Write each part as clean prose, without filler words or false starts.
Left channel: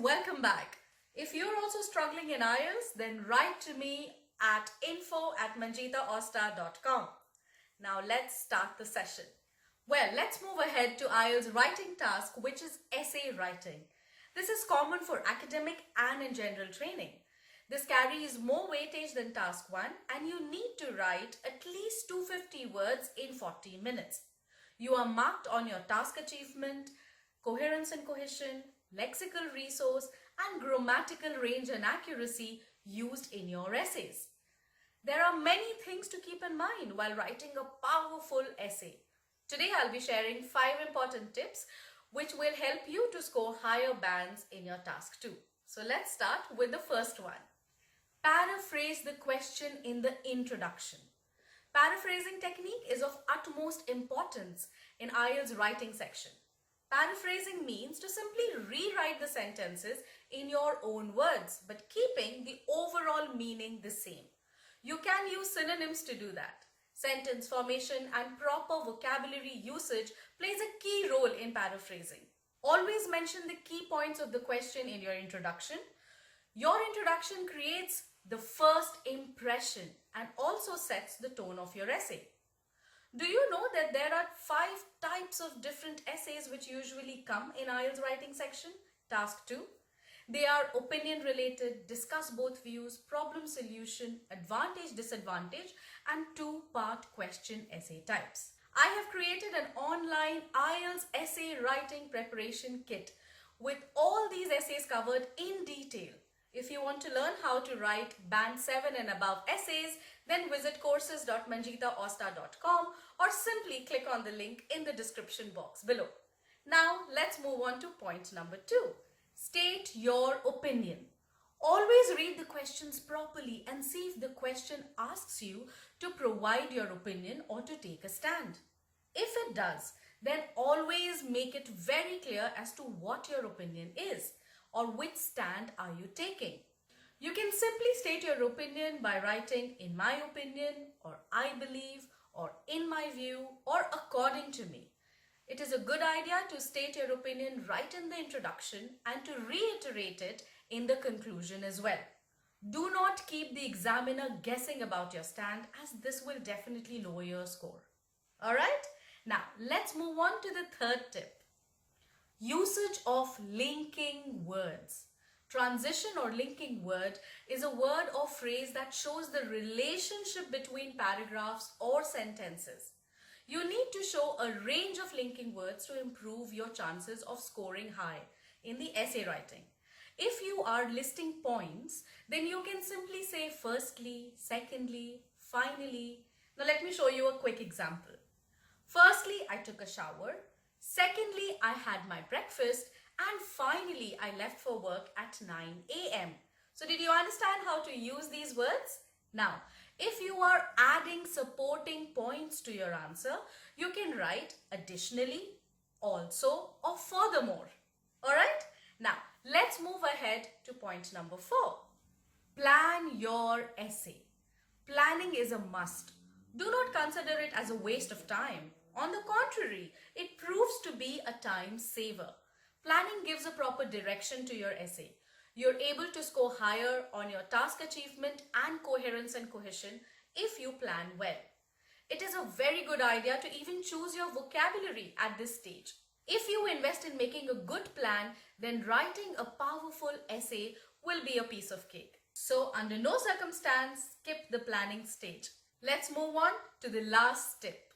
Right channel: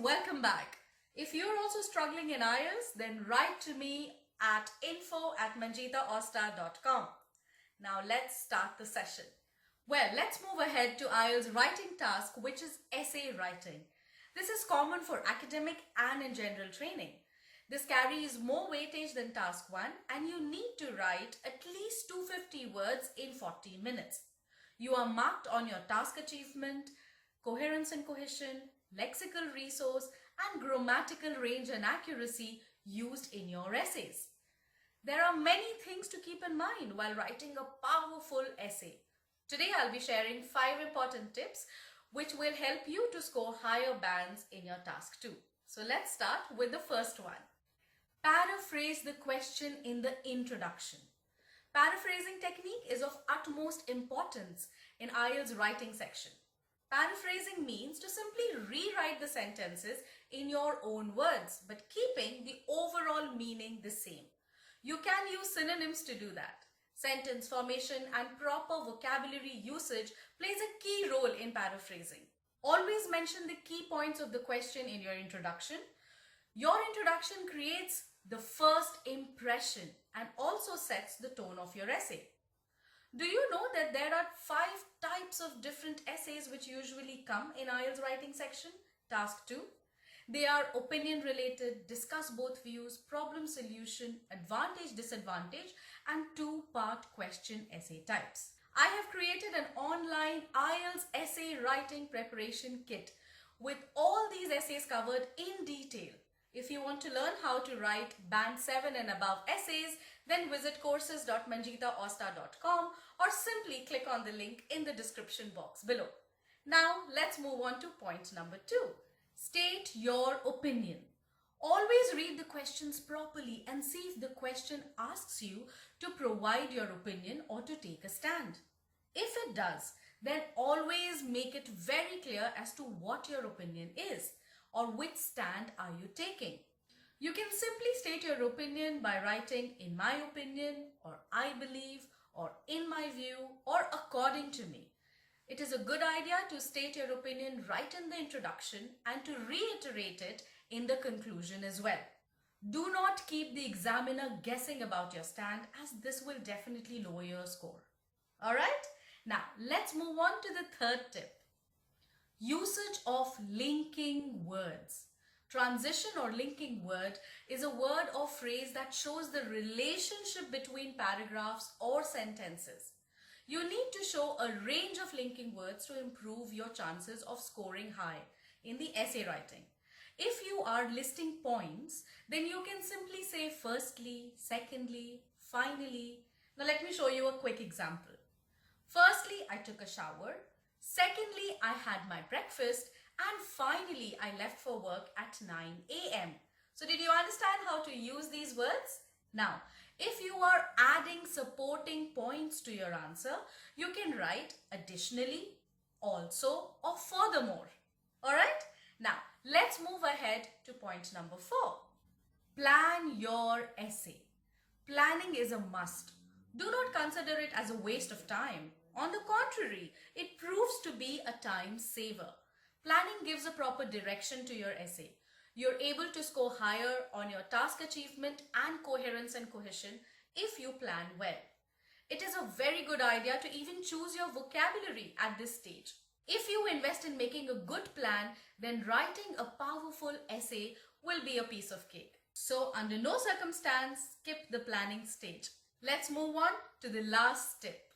welcome back. If you're also struggling in IELTS, then write to me at info@manjeetaosta.com. Now let's start the session. Well, let's move ahead to IELTS writing task, which is essay writing. This is common for academic and in general training. This carries more weightage than task 1 and you need to write at least 250 words in 40 minutes. You are marked on your task achievement, coherence and cohesion, lexical resource, and grammatical range and accuracy used in your essays. There are many things to keep in mind while writing a powerful essay. Today I'll be sharing 5 important tips which will help you to score higher bands in your task 2. So let's start with the first one. Paraphrase the question in the introduction. Paraphrasing technique is of utmost importance in IELTS writing section. Paraphrasing means to simply rewrite the sentences in your own words, but keeping the overall meaning the same. You can use synonyms to do that. Sentence formation and proper vocabulary usage plays a key role in paraphrasing. Always mention the key points of the question in your introduction. Your introduction creates the first impression and also sets the tone of your essay. Do you know that there are 5 types of different essays which usually come in IELTS writing section, task 2? They are opinion related, discuss both views, problem solution, advantage, disadvantage, and 2-part question essay types. I have created an online IELTS essay writing preparation kit with all these essays covered in detail. If you want to learn how to write band 7 and above essays, then visit courses.manjeetaosta.com or simply click on the link in the description box below. Now let's move on to point number 2. State your opinion. Always read the questions properly and see if the question asks you to provide your opinion or to take a stand. If it does, then always make it very clear as to what your opinion is or which stand are you taking. You can simply state your opinion by writing "in my opinion" or "I believe" or "in my view" or "according to me." It is a good idea to state your opinion right in the introduction and to reiterate it in the conclusion as well. Do not keep the examiner guessing about your stand, as this will definitely lower your score. Alright? Now let's move on to the third tip. Usage of linking words. Transition or linking word is a word or phrase that shows the relationship between paragraphs or sentences. You need to show a range of linking words to improve your chances of scoring high in the essay writing. If you are listing points, then you can simply say firstly, secondly, finally. Now let me show you a quick example. Firstly, I took a shower. Secondly, I had my breakfast. And finally, I left for work at 9 a.m. So did you understand how to use these words? Now, if you are adding supporting points to your answer, you can write additionally, also, or furthermore. Alright? Now, let's move ahead to point number 4. Plan your essay. Planning is a must. Do not consider it as a waste of time. On the contrary, it proves to be a time saver. Planning gives a proper direction to your essay. You're able to score higher on your task achievement and coherence and cohesion if you plan well. It is a very good idea to even choose your vocabulary at this stage. If you invest in making a good plan, then writing a powerful essay will be a piece of cake. So under no circumstance, skip the planning stage. Let's move on to the last tip.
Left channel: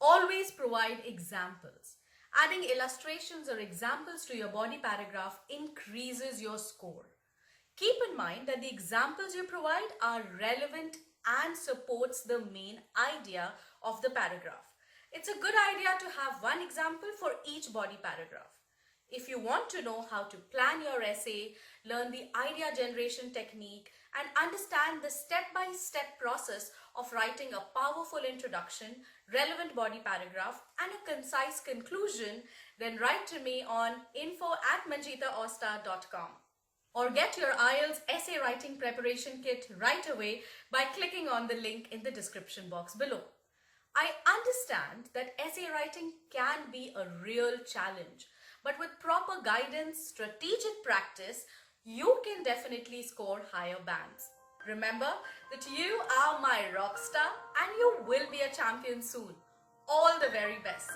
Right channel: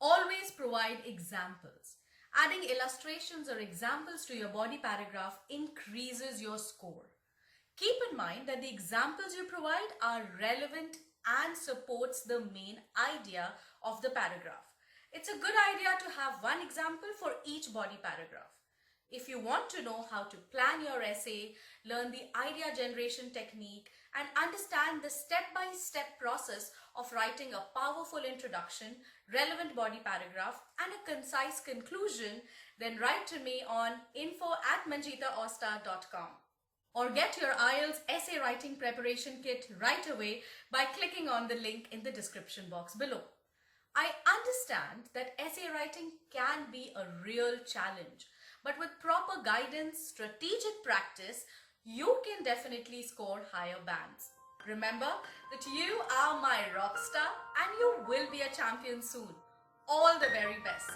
Always provide examples. Adding illustrations or examples to your body paragraph increases your score. Keep in mind that the examples you provide are relevant and supports the main idea of the paragraph. It's a good idea to have one example for each body paragraph. If you want to know how to plan your essay, learn the idea generation technique, and understand the step-by-step process of writing a powerful introduction, relevant body paragraph, and a concise conclusion, then write to me on info@manjeetaosta.com or get your IELTS essay writing preparation kit right away by clicking on the link in the description box below. I understand that essay writing can be a real challenge, but with proper guidance, strategic practice, you can definitely score higher bands. Remember that you are my rock star and you will be a champion soon. All the very best.